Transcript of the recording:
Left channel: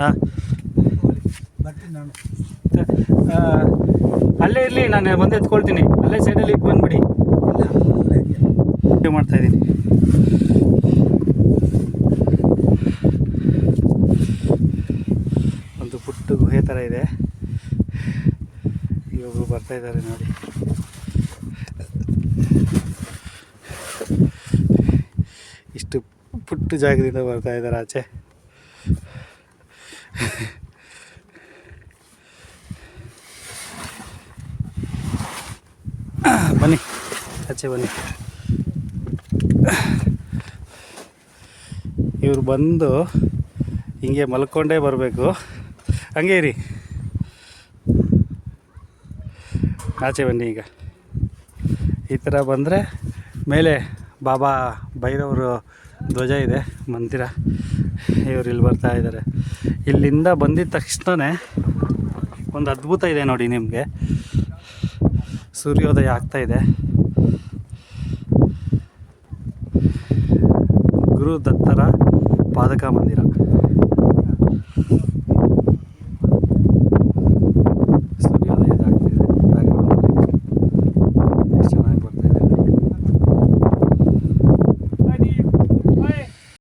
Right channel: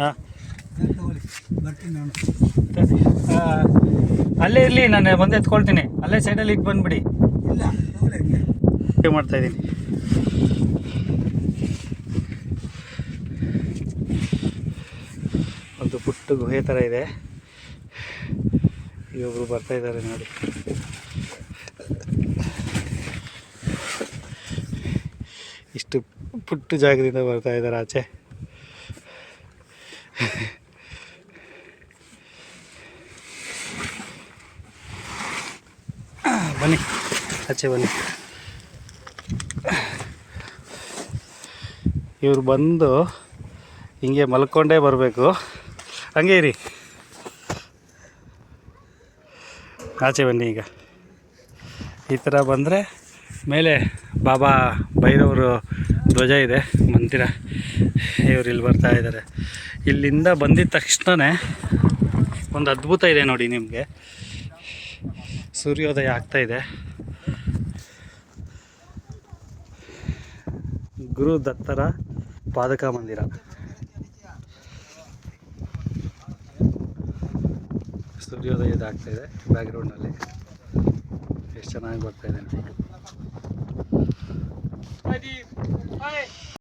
ಹಾಂ ಬರ್ತೀನಿ ನಾನು. ಅಲ್ಲೇ ಇರಲಿ, ನಾನು ಬಂದು ಎತ್ಕೊಳ್ತೀನಿ. ಅಲ್ಲೇ ಸೈಡಲ್ಲಿ ಈಗ ಬಂದುಬಿಡಿ. ಇಲ್ಲ ಏನು ಮಾಡ್ತಾಯಿದ್ದೀನಿ? ಒಂದು ಪುಟ್ಟ ಗುಹೆ ಥರ ಇದೆ. ಇವರು ಬರ್ತಾಯಿದ್ದಾರೆ ನೋಡಿ. ಇಷ್ಟು ಪುಟ್ಟ ಜಾಗದಿಂದ ಬರ್ತಾ ಇದ್ದಾರೆ ಆಚೆ. ಬನ್ನಿ, ಆಚೆ ಬನ್ನಿ. ಇವರು ಬಂದು ಹಿಂಗೆ ಮಲ್ಕೊಂಡೇ ಬರಬೇಕು. ಹಂಗೆ ಇರಿ, ಆಚೆ ಬನ್ನಿ. ಈಗ ಈ ಥರ ಬಂದರೆ ಮೇಲೆ ಬಾಬಾ ಭೈರವರು ಧ್ವಜ ಇದೆ, ಮಂದಿರ. ಇವರು ಇಲ್ಲಿ ಬರ್ತಾ ಇದ್ದಾರೆ. ಇಲ್ಲಿಂದ ಬಂದಿದ್ದ ತಕ್ಷಣವೇ ಒಂದು ಅದ್ಭುತ ಇದೆ ನೋಡಿ ನಿಮಗೆ. ಸೂರ್ಯೋದಯ ಆಗ್ತಾಯಿದೆ. ಗುರು ದತ್ತರ ಪಾದಕ ಮಂದಿರ.